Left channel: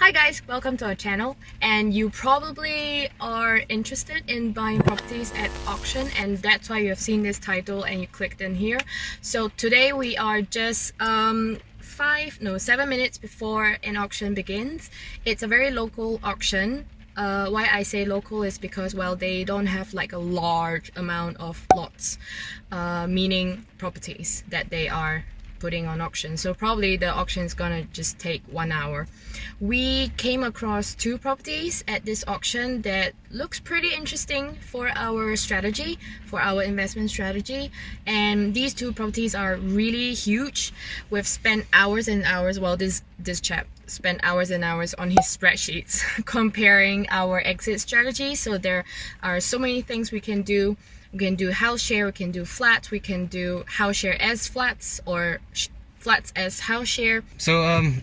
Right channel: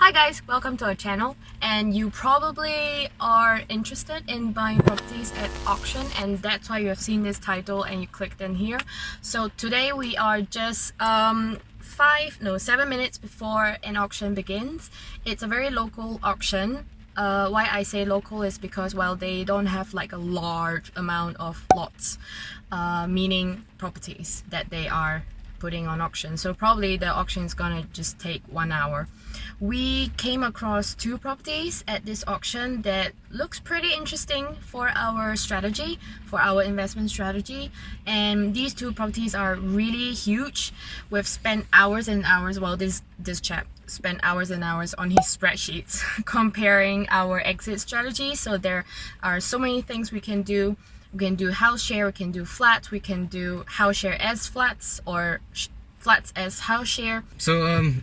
Hi guys, welcome to our channel, and you probably are interested in buying properties at auction, and that's why you have seen this title and you clicked in here. So today we are just 7 minutes before an auction begins. It's a very local auction. Why I say local is because, well, they don't have like a large amount of lots, meaning properties that they are putting on auction, so probably the auction is gonna just take 1 hour. We came across two properties at this auction that looks pretty interesting for our strategy, for our investment strategy, and these two properties are really huge. We've spent hours and hours, well, this chap spent hours and hours on his spreadsheets comparing our exit strategy. So there are so many things we can do. We can do house share, we can do flats, we can do house share as flats, or flats as house share. So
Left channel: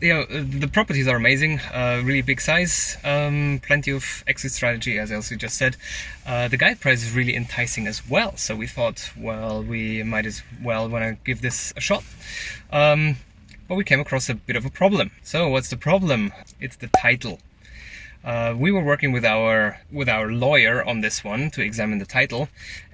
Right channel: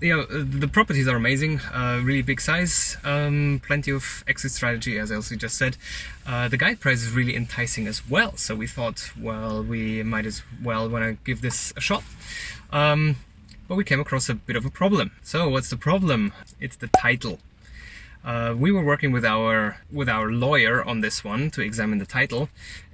the properties are amazing, really big size, plenty of exit strategy, as Elsie just said. The guide price is really enticing as well, so we thought, well, we might as well want to give this a shot. But we came across a bit of a problem. So what's the problem? It's the title. We were working with our lawyer on this one to examine the title,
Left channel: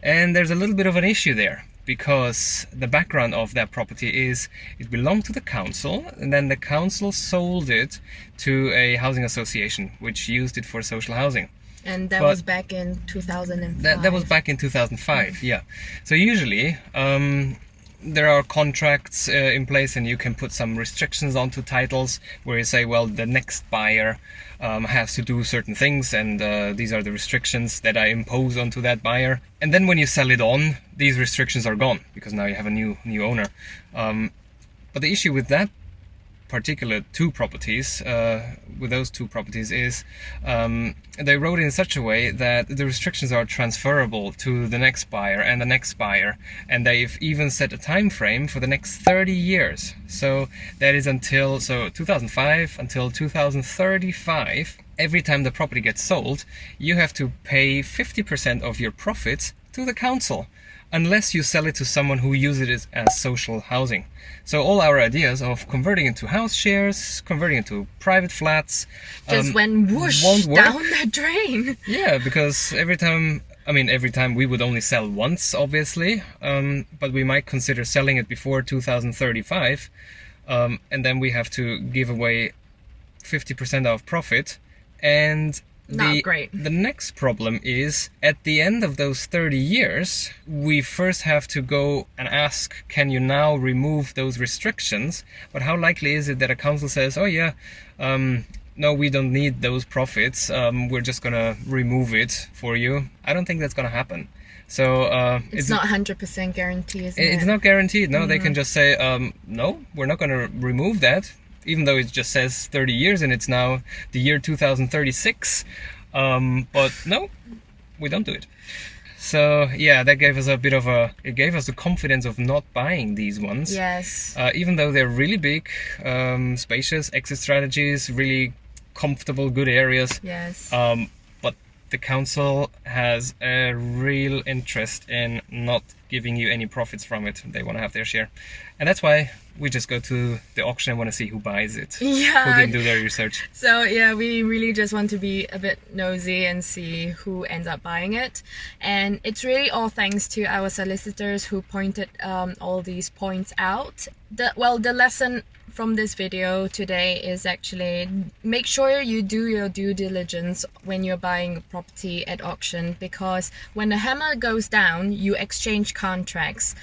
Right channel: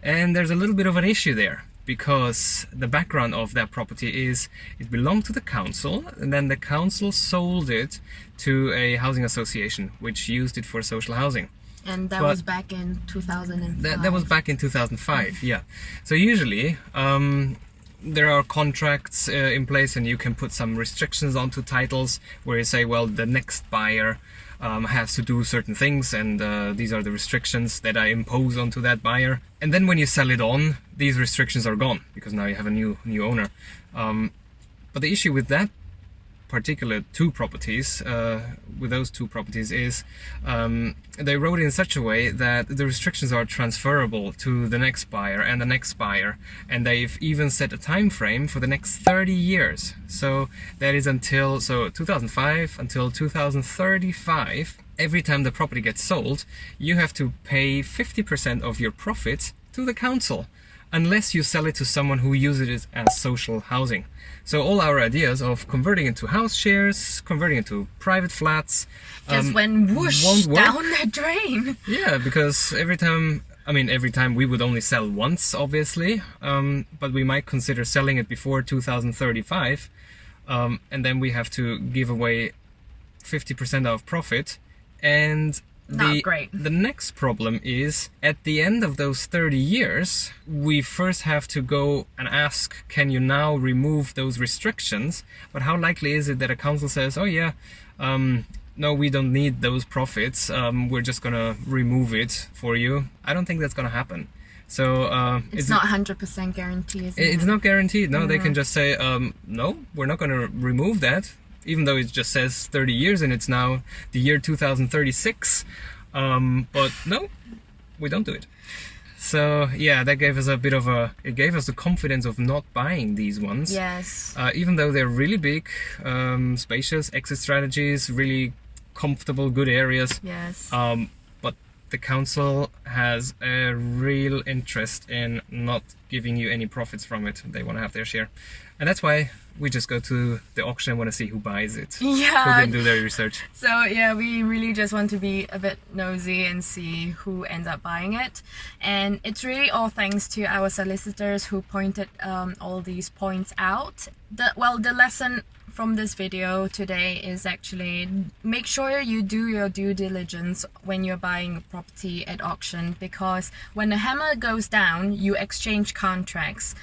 and there's a little bit of an issue there, because the background of that property is it belonged to the council, and then the council sold it to a housing association which used it for social housing. And that was back in 2005. That was back in 2005, yeah. So usually there are contracts in place, and you can put some restrictions onto titles where you say, well, the next buyer has to do certain things, and these are the restrictions that I impose onto that buyer. And then when you sell it on, these restrictions are gone, because now you have a new owner. But the issue with that particular two properties, with those two properties, is they wrote it in such a way that the restrictions are transferable to the next buyer and the next buyer, and they've even set a time frame for the next 30 years. So that is until 2005 until 2035. Every time the property gets sold, you have to pay 50% of your profits to the council, unless you sell it to someone who uses it as social housing. So all our ideas of converting into house shares, converting into private flats, just went whoosh down the drain. Yeah, because every time we would only sell once, obviously, but we might consider selling it before 2035, and then we have to give away 50% of profit. And not great. The next problem is, at the end of those 30 years, we first have to go and ask, can you now remove those restrictions? But how likely is it that a council says, oh yeah, no, we don't need those profits, we're just gonna remove it for you? I don't think that's gonna happen. So it's not 100% guaranteed, isn't it? It's not guaranteed. No, they can just say, no, we're not gonna remove that, even though it just says 30 years and it's now the year 2036. But no, we don't do it. So yeah, that gave us it gave us the confidence of not buying these ones. Yes. Even though they're really big, spacious, exit strategies, really comfortable, good areas. Yes. But the council has a real interest in not giving you any profits from it. They want to have their share. And that's why we just go to the auction and want to see who buys it. Yeah. Who didn't do their research. So yeah, we really just want to be a bit nosy and see who ends up buying it. And it's really all thanks to our solicitors who pointed all these points out. The lesson from this video today is actually make sure you do your due diligence when you're buying a property at auction, because when the hammer goes down, you exchange contracts.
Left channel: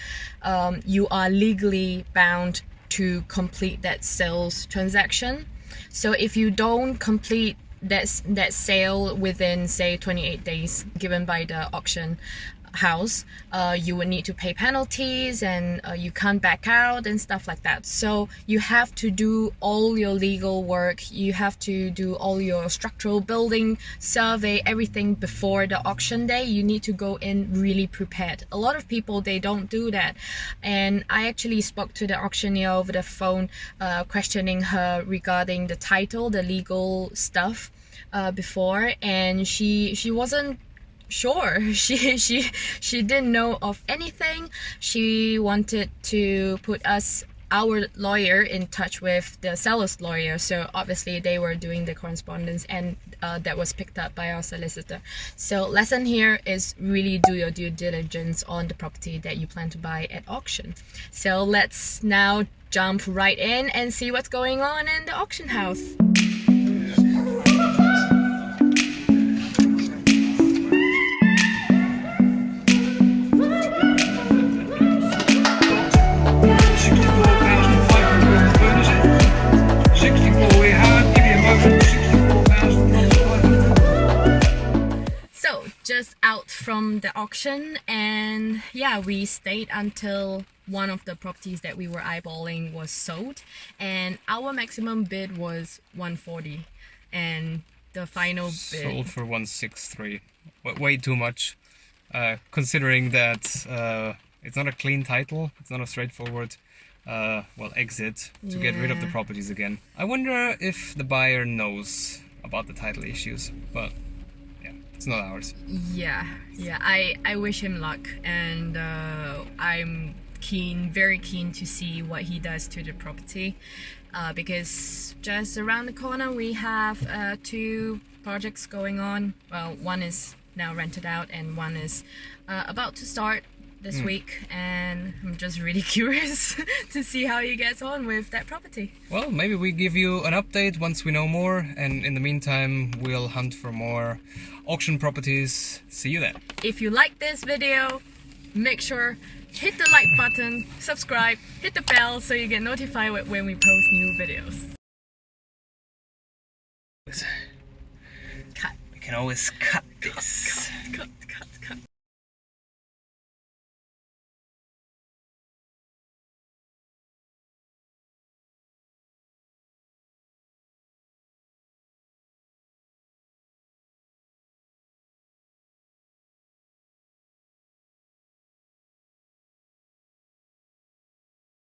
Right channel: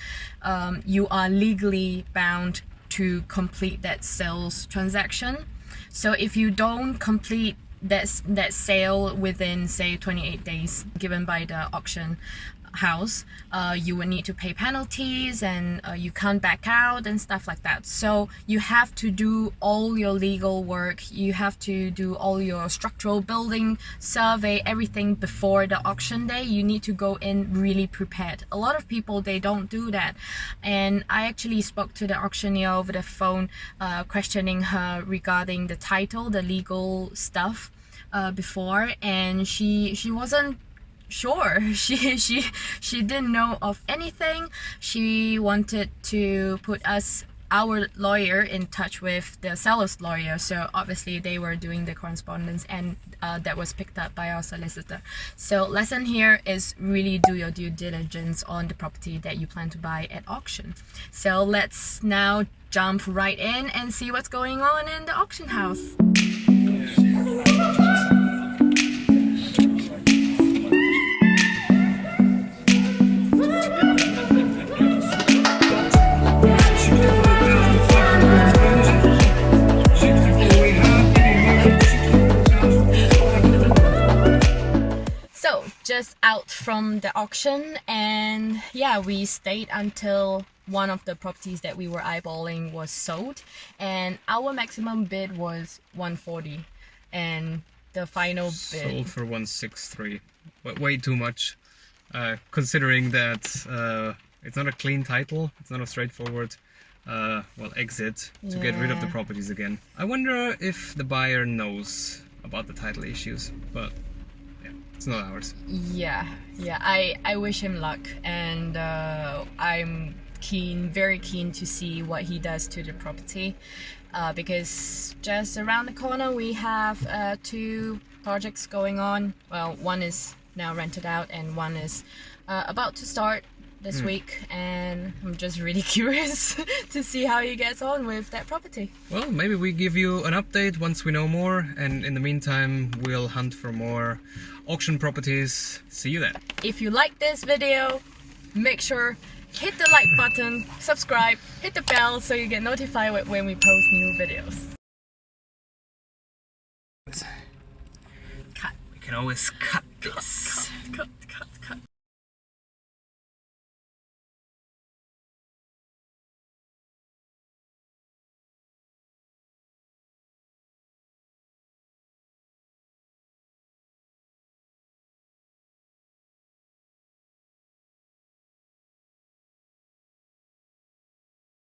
You are legally bound to complete that sales transaction. So if you don't complete that sale within, say, 28 days given by the auction house, you would need to pay penalties, and you can't back out and stuff like that. So you have to do all your legal work, you have to do all your structural building survey, everything before the auction day. You need to go in really prepared. A lot of people, they don't do that, and I actually spoke to the auctioneer over the phone, questioning her regarding the title, the legal stuff before, and she wasn't sure. She didn't know of anything. She wanted to put us our lawyer in touch with the seller's lawyer, so obviously they were doing the correspondence, and that was picked up by our solicitor. So lesson here is really do your due diligence on the property that you plan to buy at auction. So let's now jump right in and see what's going on in the auction house. Just out from the auction, and yeah, we stayed until one of the properties that we were eyeballing was sold, and our maximum bid was 140, and the final bid sold for 163. Way too much, considering that it's not a clean title, it's not a straightforward exit to get rid of the properties again. I wonder if the buyer knows about the title issues, but it's not ours. Yeah, I wish him luck, and I'm very keen to see what he does to the property, because just around the corner we have 2 projects going on. Well, one is now rented out and one is about to start this week, and I'm just really curious to see how he gets on with that property. Well, maybe we give you an update once we know more, and in the meantime we'll hunt for more auction properties. See you then. If you like this video, make sure hit the like button, subscribe, hit the bell so you get notified when we post new videos. Cut. We can always cut this.